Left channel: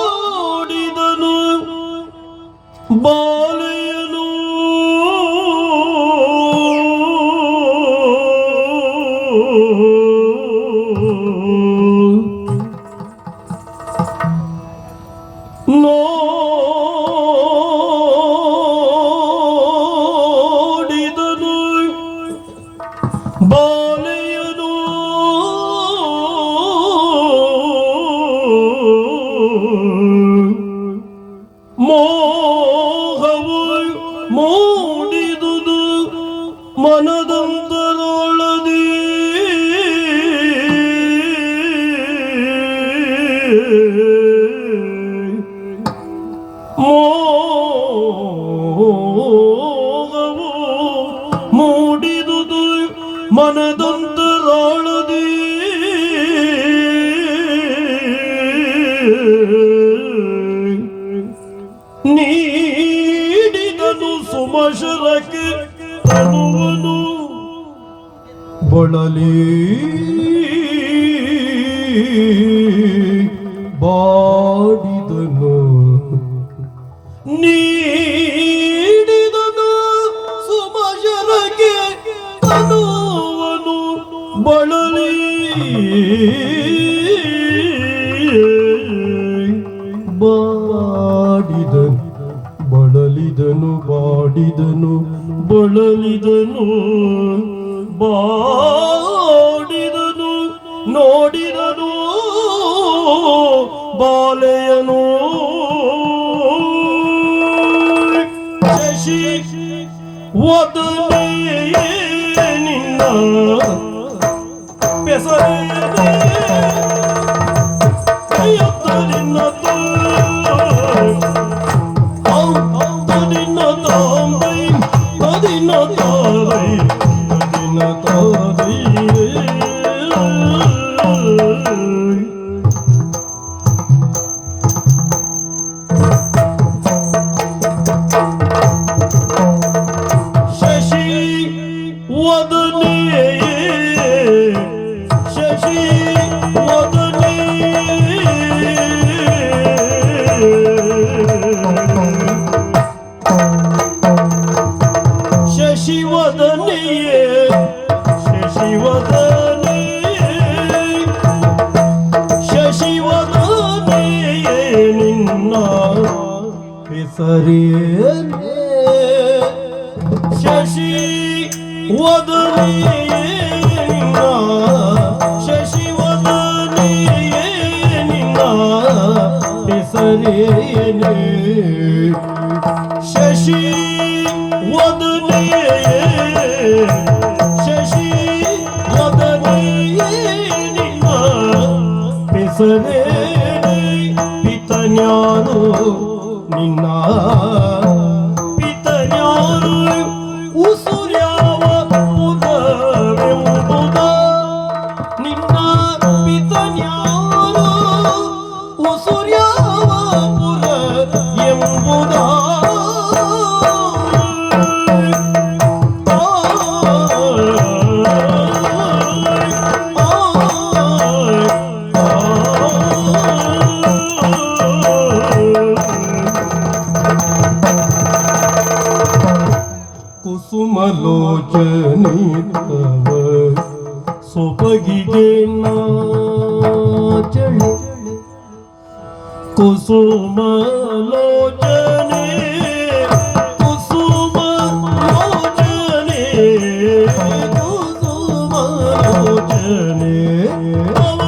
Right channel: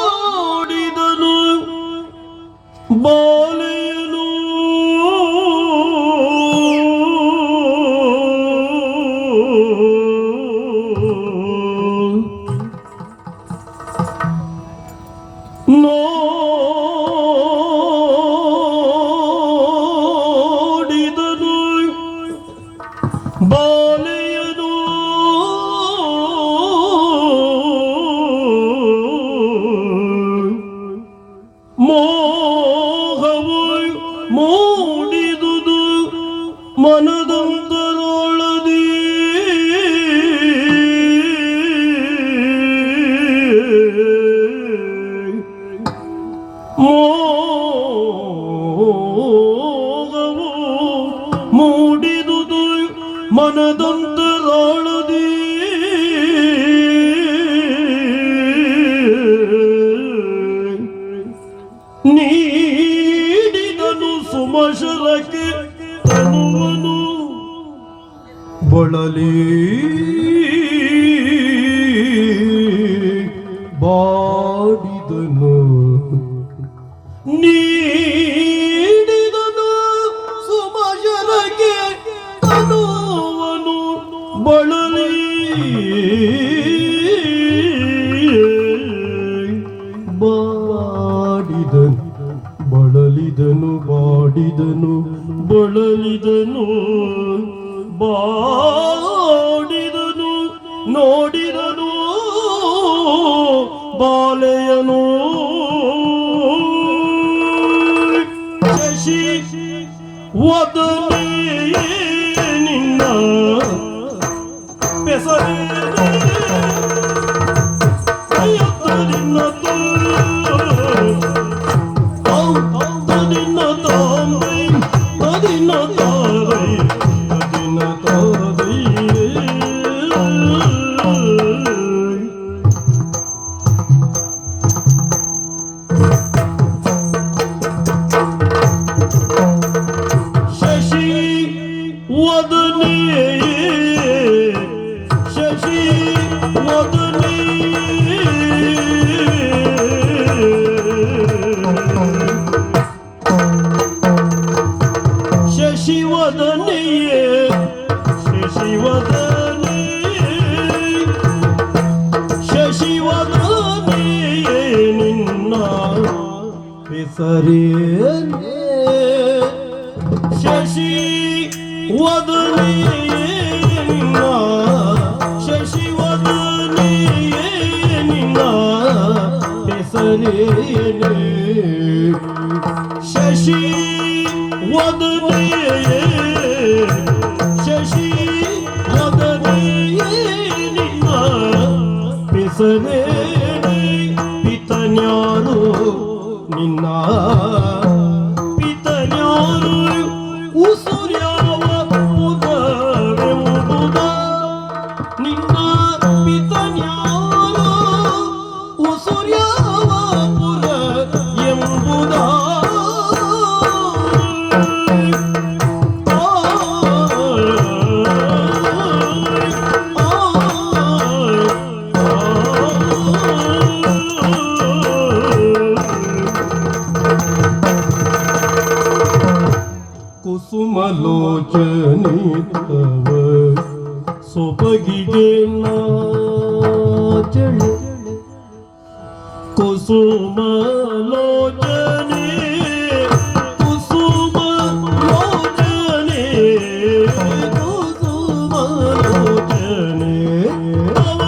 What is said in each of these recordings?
ನೋಡಿದನು ಬಾಲೆಯನು ನೋಡಿದನು ಬಾಲೆಯನು ಮೋಹವು ಮೂಡಿದುದು ಮನದಂತರೊಳದಿ ಮೋಹವು ಮೂಡಿದುದು ಮನದಂತರೊಳದಿ ನೀಡಿದನು ಸುಮಶರಕ್ಕೆ ತನುವನು ಬಳಲಿ ಬಾಡಿದನು ನೀಡಿದನು ಸುಮಶರಕ್ಕೆ ತನುವನು ಬಳಲಿ ಬಳಲಿದನು ಬಾಡಿದನು ಬಳಲಿದನು ಬಾಡಿದನು ನೋಡಿದನು ಬಾಲೆಯನು ಶಶಿ ವದನೆಯೇ ನಿನ್ನ ಬೆಸರೇ ಶಶಿ ವದನೆ ಶಶಿ ವದನೆ ಶಶಿವದನೆಯೇ ಶಶಿವದನೆಯೇ ನಿನ್ನ ಹೆಸರೇನೇ ಶಶಿವದನೆಯೇ ನಿನ್ನ ಶಶಿವದನೆಯೇ ನಿನ್ನ ಹೆಸರೇನೇ ಶಶಿ ವದನೆಯೇ ಶಶಿ ವದನೆಯೇ ನಿನ್ನ ಹೆಸರೇನೇ ಪಿತನ್ಯಾರು ನಿನ್ನ ಪಿತನ್ಯಾರು ಉಸುರ್ಯಾವ ಪುರವೆಂಬುದ ನಿನ್ನ ಪಿತನ್ಯಾರು ಉಸುರ್ಯಾವ ಪುರ ಎಂಬುದ ಕುಸುಮಲೋಚನೆ ತವ ಸೊಬಗಿಗೆ ನಾಚಳೆ ಕುಸುಮಲೋಚನೆ ಕುಸುಮಲೋಚನೆ ಕುಸುಮಲೋಚನೆ ತವ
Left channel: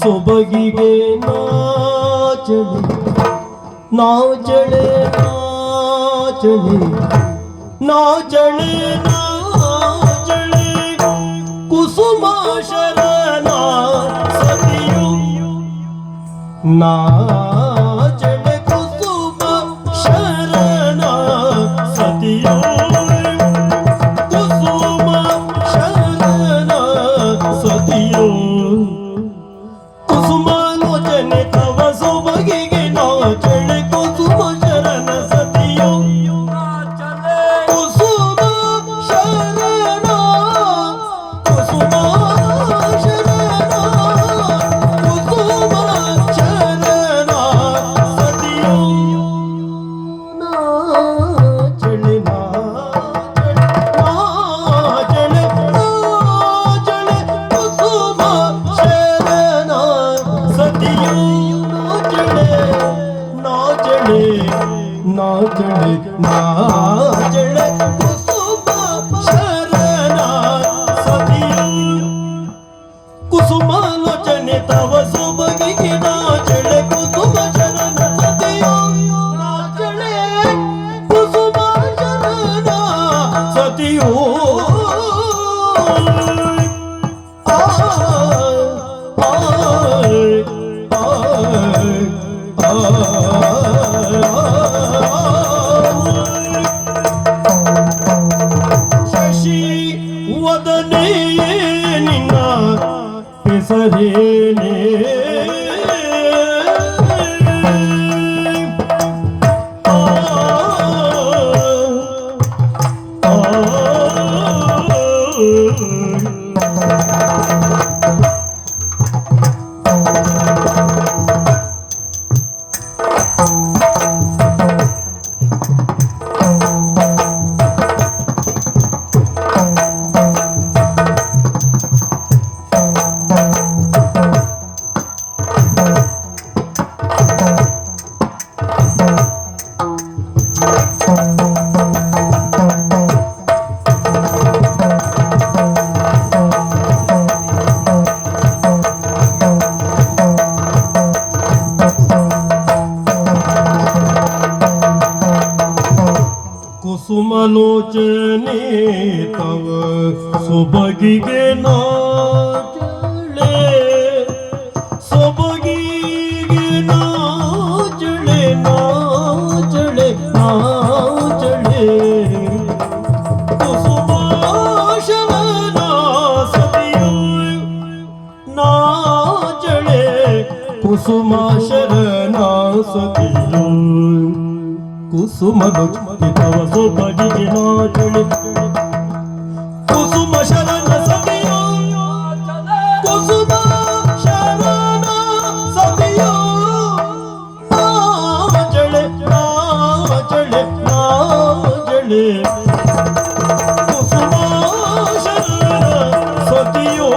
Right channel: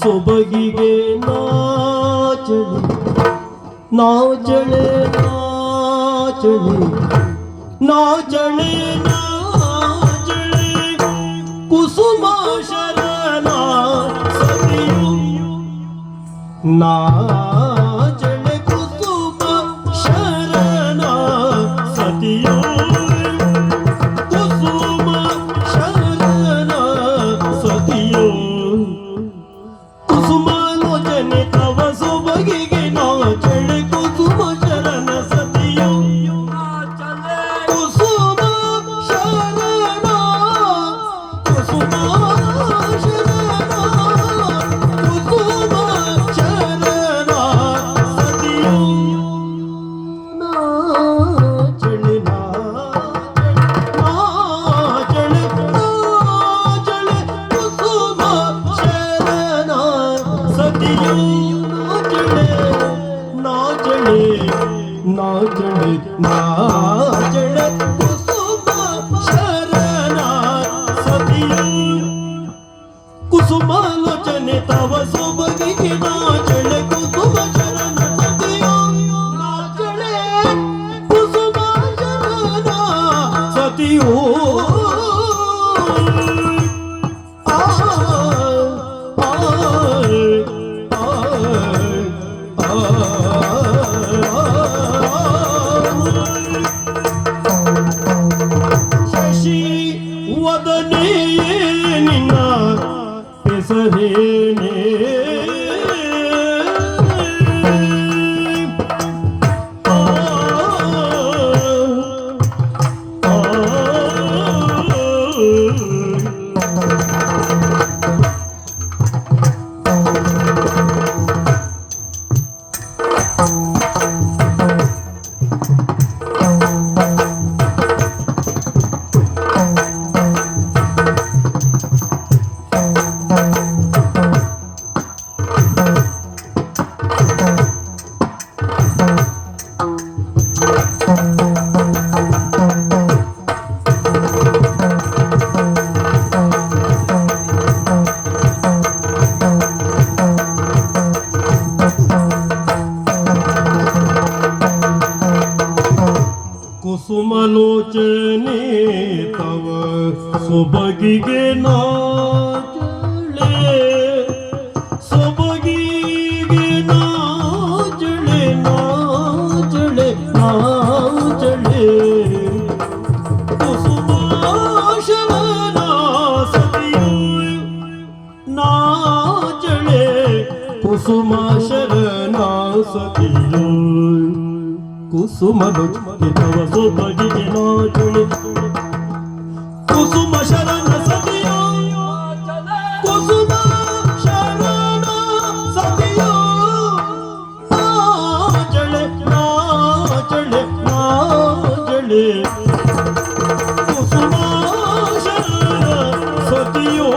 ಸೊಬಗಿಗೆ ನಾಚಳೆ ನಾಚಳೆ ನಾಚಳೆ ನಾಚಳೆ ನಾಚಳೆ ಕುಸುಮ ಶರಣ ಸತಿಯು ನಾಚಳೆ ಕುಸುಮ ಶರಣ ಸತಿಯು ಕುಸುಮ ಶರಣ ಸತಿಯು ಕುಸುಮಾಲೋಚನೆ ತವ ಸೊಬಗಿಗೆ ನಾಚಳೆ ಕುಸುಮ ಶರಣ ಸತಿಯು ಕುಸುಮ ಶರಣ ಕುಸುಮ ಸತಿಯು ನಾಚಳೆ ನಾಚಳೆ ನಾಚಳೆ ಕುಸುಮ ಶರಣ ಸತಿಯು ಕುಸುಮಾಲೋಚನೆ ತವ ಸೊಬಗಿಗೆ ನಾಚಳೆ ಕುಸುಮ ಶರಣ ಸತಿಯು ನಾಚಳೆ ಕುಸುಮ ಶರಣ ಸತಿಯು ಶಶಿ ವದನೆ ನಿನ್ನ ಹೆಸರೇನೆ ಕುಸುಮಲೋಚನೆ ತವ ಸೊಬಗಿಗೆ ನಾಚಳೆ ಸೊಬಗಿಗೆ ನಾಚಳೆ ನಾಚಳೆ ನಾಚಳೆ ಕುಸುಮಾಶನ ಸತಿಯು ನಾಚಳೆ ಕುಸುಮಾಶರಣ ಸತಿಯು ಕುಸುಮ ತವ ಸೊಬಗಿಗೆ ನಾಚಳೆ ಕುಸುಮ ಶರಣ ಸತಿಯು ಕುಸುಮ ಶರಣ ಸತಿಯು ನಾಚಳೆ ನಾಚಳೆ ನಾಚಳೆ ಕುಸುಮ ಶರಣ ಸತಿಯು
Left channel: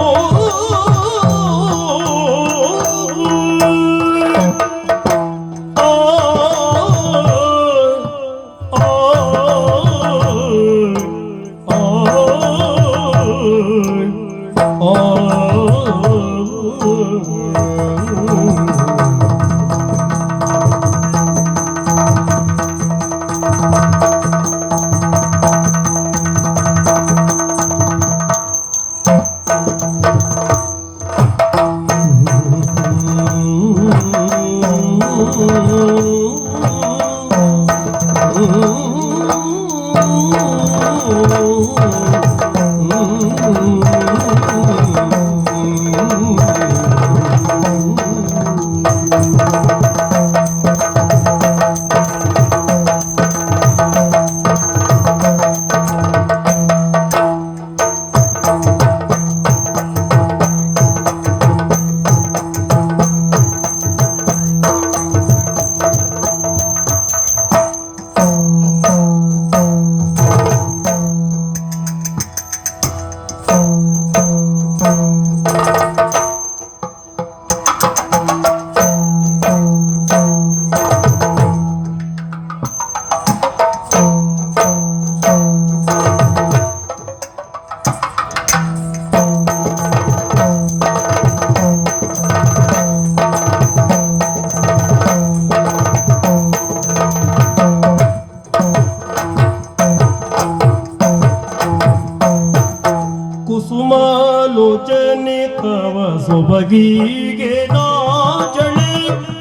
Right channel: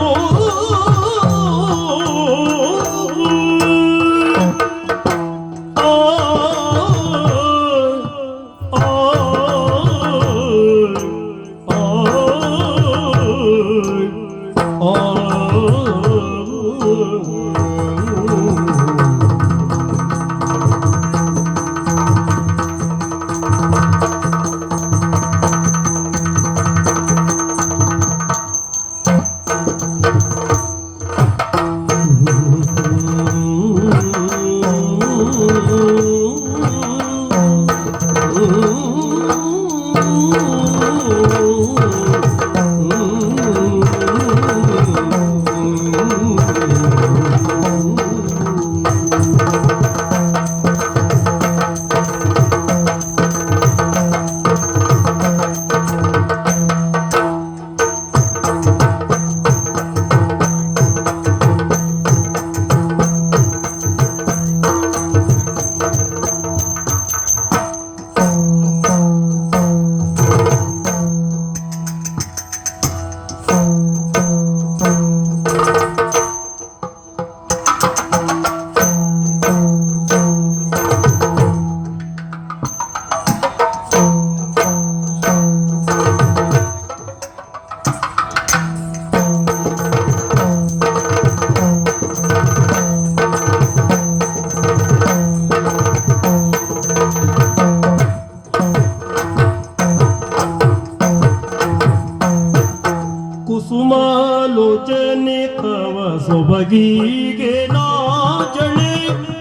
ಕುಸುಮಾಲೋಚನೆ ತವ ಸೊಬಗಿಗೆ ನಾಚಳೆ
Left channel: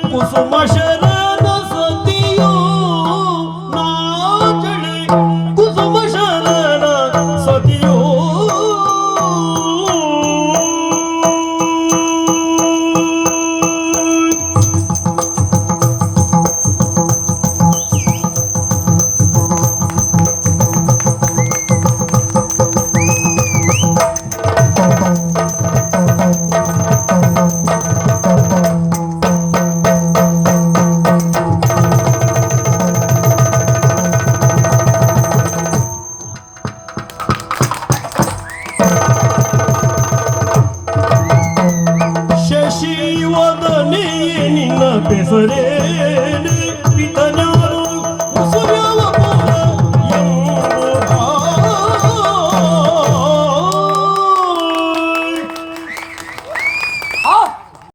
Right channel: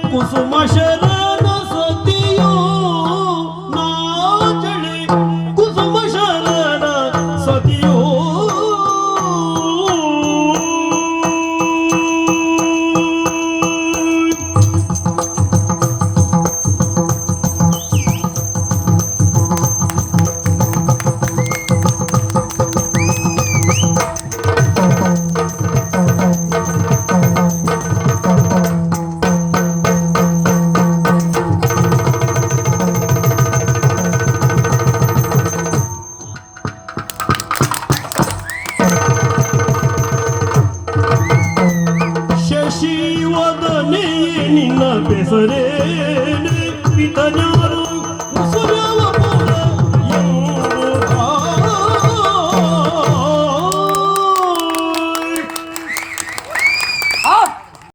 ಕುಸುಮ ಶರಣ ಸತಿಯು ನಾಚಳೆ ಕುಸುಮ ಶರಣ ಸತಿಯು ಬೆಸರೇನೆ